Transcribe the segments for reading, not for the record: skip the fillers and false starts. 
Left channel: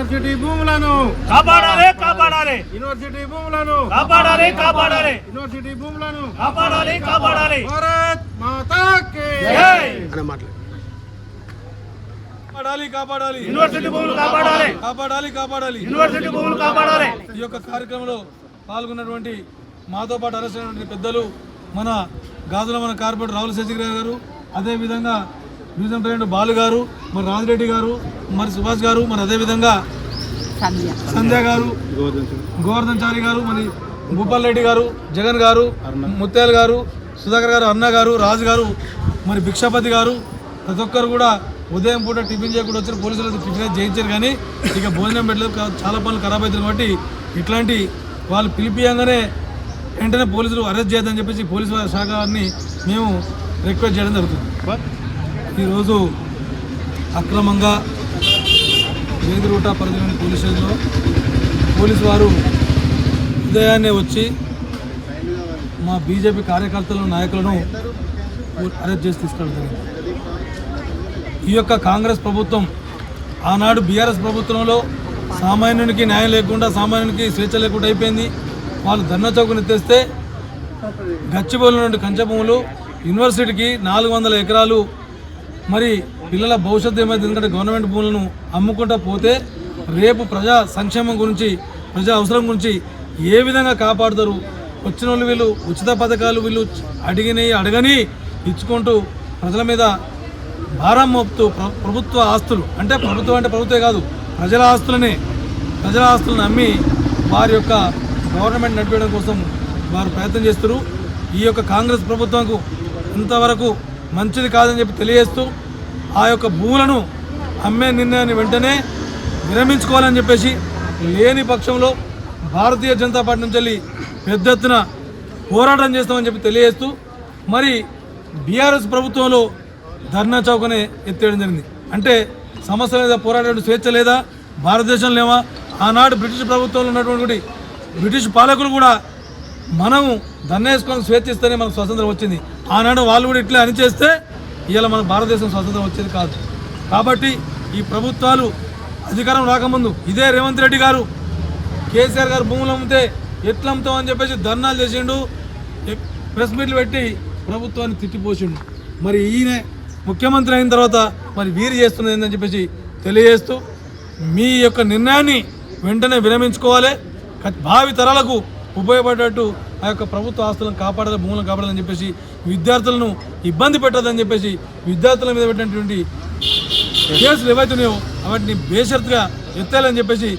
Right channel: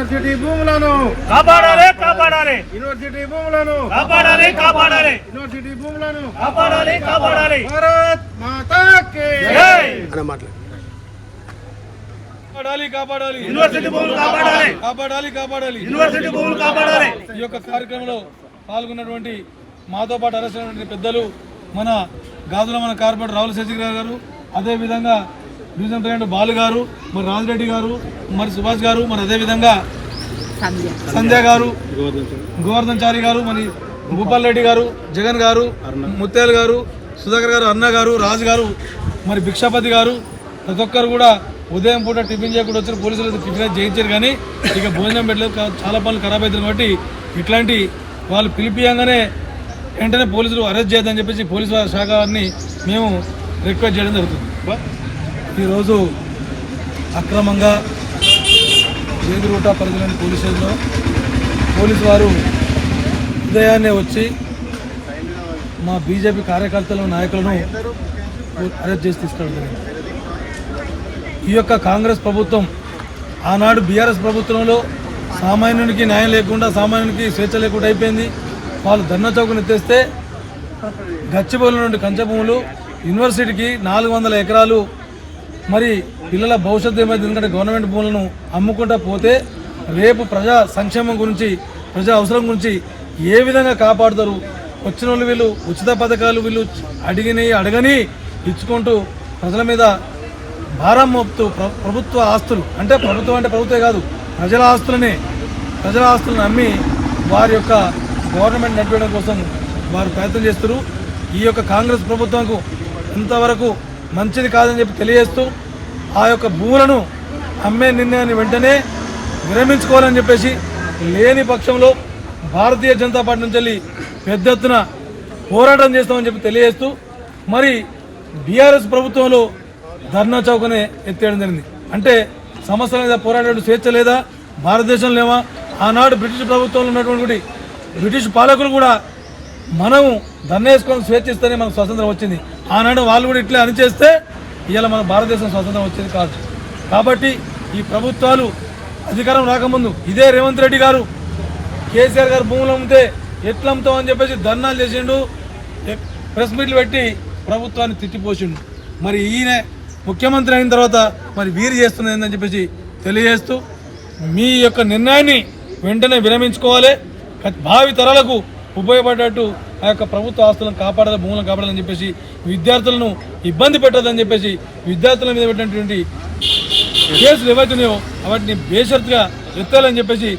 University భూములను కాపాడాలి కాపాడాలి యూనివర్సిటీ భూములను కాపాడాలి కాపాడాలి యూనివర్సిటీ భూములను కాపాడాలి కాపాడాలి భారత్ మాతా కి జై కాపాడాలి కాపాడాలి యూనివర్సిటీ భూములు కాపాడాలి కాపాడాలి కాపాడాలి యూనివర్సిటీ భూములు కాపాడాలి ఈ యొక్క కార్యక్రమంలో పాల్గొన్నటువంటి మాతో పాటు అరెస్ట్ అయినటువంటి పెద్దలు మన గాజుల మన కార్పొరేటర్ రావుల శశికర్ గారు, అదేవిధంగా డివిజన్ ప్రెసిడెంట్ బాలు గారు, మరి రాజిరెడ్డి గారు, మరి సుభాష్ గారు, మరి అదేవిధంగా సంధ్య గారు, గోవర్ధన్ చారి గారు, మరి భూపాల్ రెడ్డి గారు, జగన్ గారు, ముత్యాల గారు, సుధాకర్ గారు, అన్న గారు, రాజు గారు, మరి భిక్షాపతి గారు, ప్రతి ఒక్కరు కూడా ఉదయం పూట టిఫిన్ చేయకుండా వచ్చారు. పోలీసులు టిఫిన్ చేయించారు కానీ ఇక భోజనం పెట్టలేదు. చాలా పనులు ఖరాబ్ అవుతుంది కాబట్టి ఇట్లాంటి వాళ్ళు పిలిపియంగానే వెంటనే పోలీసులు అరెస్ట్ చేయదని చెప్పేసి పోలీసు శాఖ వారిని మేము రిక్వెస్ట్ చేయడం జరుగుతుంది. ఈరోజు అక్రమంగా వేదిరూట పరిధిలోని పోలీస్ స్టేషన్లో పోలీసు వారు ఉదయాన్నే వచ్చి మా బీజేపీ కార్యకర్తలు నాయకులను అరెస్ట్ చేసి తీసుకెళ్ళడం జరిగింది. ఈ యొక్క కాంగ్రెస్ ప్రభుత్వం ఆనాడు బీఆర్ఎస్ ప్రభుత్వంలో సామాన్యునికి న్యాయం లేకుండా, సామాన్యునికి స్వేచ్ఛ లేకుండా అయిపోయింది. వాళ్ళు ధర్నా చౌకను ఎత్తేస్తే గచ్చిబౌలి నుండి కంచె భూములు, యూనివర్సిటీకి 400 ఎకరాలు, మరి పిల్లల భవిష్యత్తు ఏమైంది, ఎందుకంటే గవర్నమెంట్ భూములను అమ్ముకుంటా పోతే రేపు ప్రజా సంక్షేమం గురించి, ప్రజా అవసరం గురించి ఏ విధంగా కాపాడుతారు? వచ్చిన వాళ్ళు వీళ్ళు ఉచిత పథకాలు వీళ్ళు అడగని ఇచ్చుకుంటూ ప్రజల మీద భారం మోపుతూ ప్రభుత్వ ఆస్తులు, అంటే ప్రభుత్వమే కాదు, ప్రజల ఆస్తులను అమ్మి వారి యొక్క గవర్నమెంట్ నడిపేయడం కోసం వారు ప్రయత్నం చేస్తారు. ఈ యొక్క కాంగ్రెస్ ప్రభుత్వంకు ఇంతవరకు మంచిది కాదని చెప్పి తెలియజేస్తూ ఆ యొక్క భూములను అమ్మే నిర్ణయాన్ని వెంటనే విరమించుకోవాలని చెప్పేసి, లేని పక్షంలో భారతీయ జనతా పార్టీ నుంచి వెళ్ళి పెద్ద ఎత్తున పోరాటం చేస్తామని చెప్పి తెలియజేస్తూ, మరి బీఆర్ఎస్ ప్రభుత్వంలో ధర్నా చౌకనే ఎత్తేయడం జరిగింది. అంటే సమస్య మీద పోరాడే స్వేచ్ఛ లేదా? భారతదేశం లేవా? ఆనాడు బ్రిటిష్ ప్రభుత్వంలో ఉన్నటువంటి బ్రిటిష్ పాలకులు కూడా మనం ధర్నా వేసుకొని స్వేచ్ఛ ఇస్తేనే మనకు స్వాతంత్రం వచ్చింది. ఆనాడు వాళ్ళు కూడా ఇట్లే అనిచేస్తే ఇవాళ మన భారతదేశం స్వాతంత్రం వచ్చేది కాదు. కాబట్టి ఈ ప్రభుత్వాలు అధికారం రాకముందు ఇదే రేవంత్ రెడ్డి గారు కేసీఆర్ గారు భూములు అమ్మితే ఎట్లా అమ్ముతామని చెప్పేసి ధర్నాలు చేసిండు, ప్రెస్ మీట్లు పెట్టి ప్రభుత్వాన్ని తిట్టిపోసిండు. మరి ఈయన ముఖ్యమంత్రి అయిన తర్వాత మరి వీరు చేస్తున్నది ఏందని చెప్పేసి తెలియజేస్తూ, మీ యొక్క నిర్ణయాన్ని వెంటనే విరమించుకోవాలి, భావి తరాలకు ఉపయోగపడేటట్టు ఆ యొక్క ప్రభుత్వ ఆస్తులను కాపాడాలి, భూములను కాపాడాలని చెప్పేసి, విద్యార్థులను ఇబ్బంది పెట్టదని చెప్పేసి, విద్యార్థుల మీద పెట్టినటువంటి కేసులు ఏవైతున్నాయో వాటిని బేషరతుగా ఎత్తాలని చెప్పేసి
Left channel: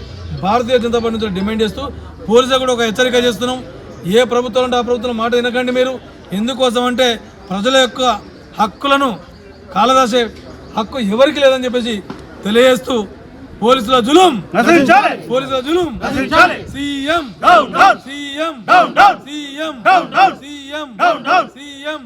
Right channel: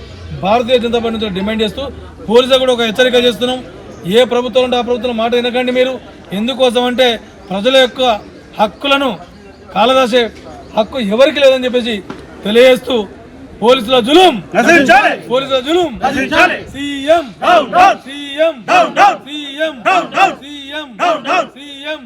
భారతీయ జనతా పార్టీ నుంచి డిమాండ్ చేస్తూ, పోలీసులు కూడా ఒక హెచ్చరిక చేస్తున్నాం. ఏ ప్రభుత్వం అంటే ఆ ప్రభుత్వం మాట వినకండి మీరు. ఎందుకోసం అంటే ప్రజల యొక్క హక్కులను కాలరాసే హక్కు ఎవరికి లేదని చెప్పేసి తెలియజేస్తూ, పోలీసుల జులుం పోలీసుల జులుం సీఎం సీఎం సీఎం సీఎం